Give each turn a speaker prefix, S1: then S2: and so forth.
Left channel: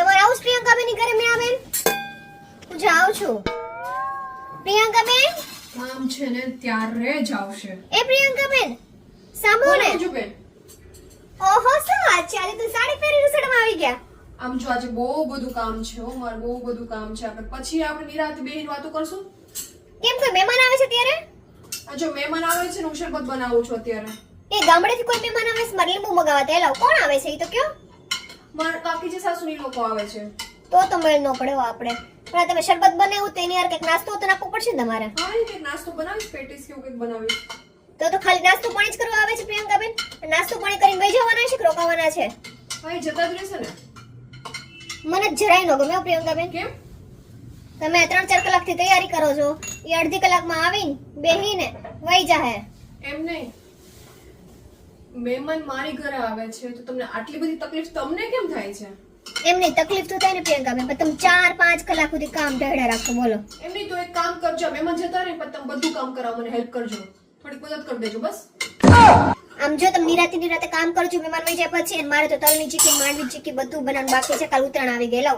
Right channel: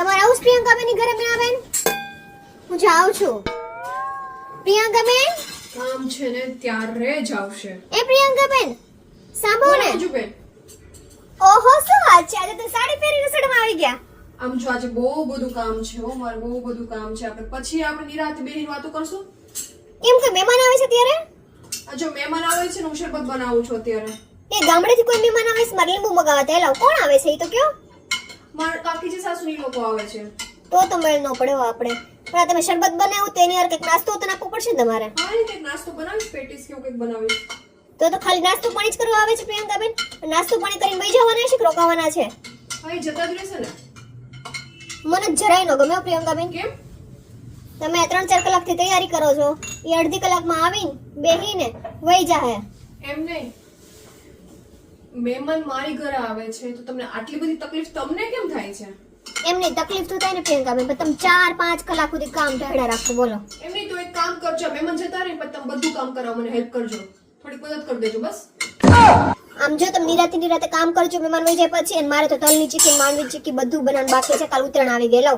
S1: તમારે આવું પ્રિયંકા બેન ઘરે મીણાબેન હું જાઉં છું. પ્રિયંકાબેન
S2: કામ છે ને ત્યારે જ આવશે.
S1: એ પ્રિયંકાબેન સાંભળો ને.
S2: જો બેન.
S1: ઓહો શું વાત છે? આજે તો સાડી પહેરી રસોડામાં આવી ગયા.
S2: આમ જો આજે બહુ બધું કામ છે હો મારે બહુ બધું કામ છે. આપણે પછી આપણે નિરાતે બેહીને વાતો કરશું?
S1: કેમ કે મહેમાન આવે છે ત્યારે?
S2: જો મહેમાન આવે છે ને હું શરબત બનાવું છું અત્યારે.
S1: એ ગામડેથી કોઈ મહેમાન આવે છે મારે લીંબુ મગાવવા એલા કોણ આવે છે એ તો કયો?
S2: મારા કાકીજી સાસુની લોકો આવે છે.
S1: તો તમારે નોકડ્યો આપણે પણ તમે શરબત બનાવો તો એની યાર કંઈક નાસ્તો તો નાખવો પડશે તમારે.
S2: હા એ કંઈક નાસ્તો બનાવીશ પેટીસ કે એવું કંઈક બનાવીશ.
S1: તો તો ખાલી નાસ્તો પાણી જ કરવા આવે છે પ્રિયંકાબેન? નાસ્તો પાણી કરીને વહી જવાના છે કે રોકાવાના છે?
S2: હા એ જતા જ રહેશે ને.
S1: મને જરાય ન ગમે પ્રિયંકાબેન.
S2: કેમ?
S1: તમે ત્રણ ચાર કલાકથી તૈયારી કરો છો. એ અડધી કલાકમાં આવીને બેહીને વહી જાહે.
S2: એમ નહીં. મહેમાન મારી ઘરે આવે છે તો તમને આટલી બધી તકલીફ તમને કેમ થાય છે?
S1: એમની તકલીફ તો થાય ને પ્રિયંકાબેન પણ તમે ચાર પાંચ કલાક સુધી કામ ઢળ્યા રાખો બોલો.
S2: એમ નહીં તો એક કામ કરજો મહેમાન જતા રહે પણ તમે બધું કામ કરાવો મને હેલ્પ કરજો. થોડીક મદદ કરી દેજો બસ.
S1: આમ જો તમે નિરાતે નિરાતે કામ કરજો મહેમાન વહી જાય પછી મારે તો તલની ચીકી માંડવી ચીકી બધું બનાવવાનું બાકી છે કાલ ઉતરણ આવી ગયેલો